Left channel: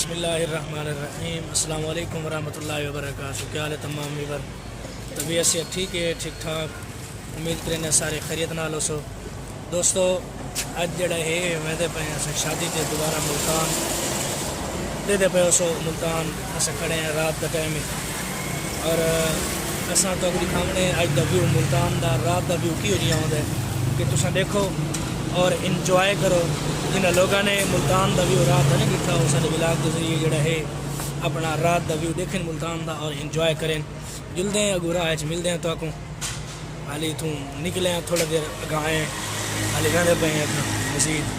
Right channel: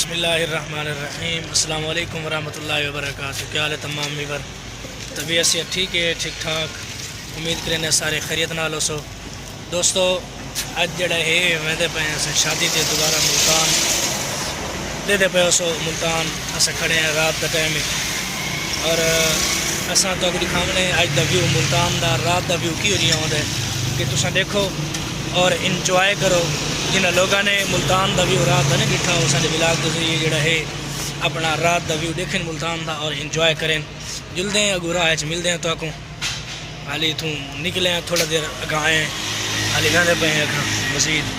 बिस्मिल्लाहिर्रहमानिर्रहीम। अस्सलाम वालेकुम वरहमतुल्लाहि वबरकातुहू। क्या हाल है तमाम वीवर? तबीयत से ठीक है, ठीक ठाक। उम्मीद करें सारे खैरियत नाल हो। दोस्तों अज जड़ा है वेंदे पे अस शादी ते दोबारा मुल्तान दे पे सो मुल्तान अस खड़े हैं रात का टाइम है और असा तो दिखावने अज दा व्यू मुल्तान दा रात दा व्यू की जिहा आउंदा है कि तुसा देखो और इंजॉय करो। जिन्होंने लोगों ने मुल्तान का व्यू रात का नहीं दिखा, उस ब्लॉग के जरिए जोड़ा है अपना रात का व्यू देखें मुल्तान का और इंजॉय करें। जुलते हैं अगू राह मिलते हैं तो हाली इतों निकले हैं थोड़ा देर अगाए हाली रहते पे हैं अखा मजीद।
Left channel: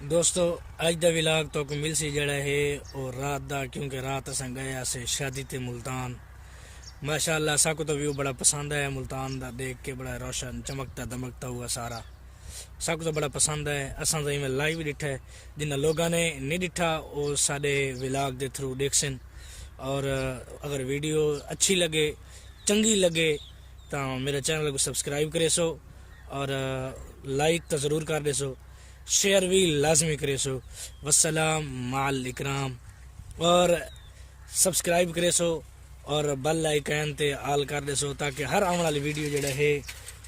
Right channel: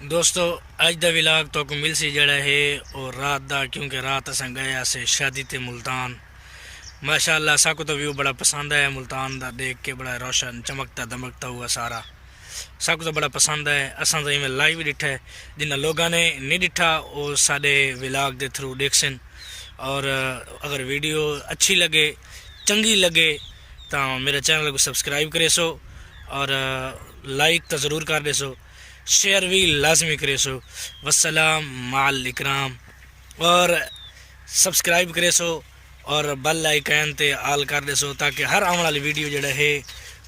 दोस्तों अज दा विलाग तो को मिल सी जड़ा है और रात दा, क्योंकि रात असां गए से शादी ते मुल्तान। माशाअल्लाह साको तो व्यू बड़ा पसंद है, मुल्तान दा देख के बड़ा रोशन चमकता दमकता हुआ सारा साको तो बड़ा पसंद है। असां तो इवें लाइव डिठा है, जिन्ना लोगों ने नहीं डिठा वो साडे विलाग दे थ्रू देखसन। और अगर वीडियो अच्छी लगे चंगी लगे तो मेरे चैनल को सब्सक्राइब करे सो और लाइक तो ज़रूर कर दे सो, शेयर भी लाजमी करे सो। वस्सलाम माल इकराम। और सब्सक्राइब करे सो और बेल आइकन ते आल कर दे सो, ताकि हर आने वाली वीडियो जड़ा है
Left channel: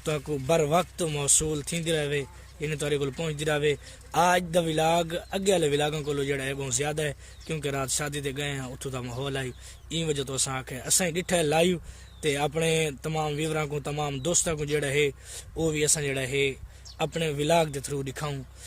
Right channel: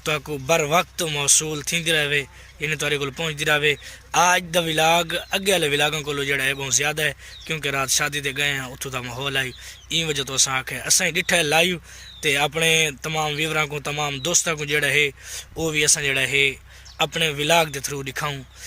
तो बर वक्त मौसूल थी रहे, यानी तुहाडे कोल पहुँचती रहे। आज दा विलाग अगे वाले विलागों को जड़ा है बहुत ज़्यादा है, क्योंकि रात शादी ते गए हैं, उत्थों का माहौल आई ई वजह तो असां आखे असां डिठा है लाइव ते अपने तमाम व्यूवरां को तमाम दोस्तों को जड़ा है वो भी असां जड़ा है अपने विलाग के थ्रू दिखाऊं।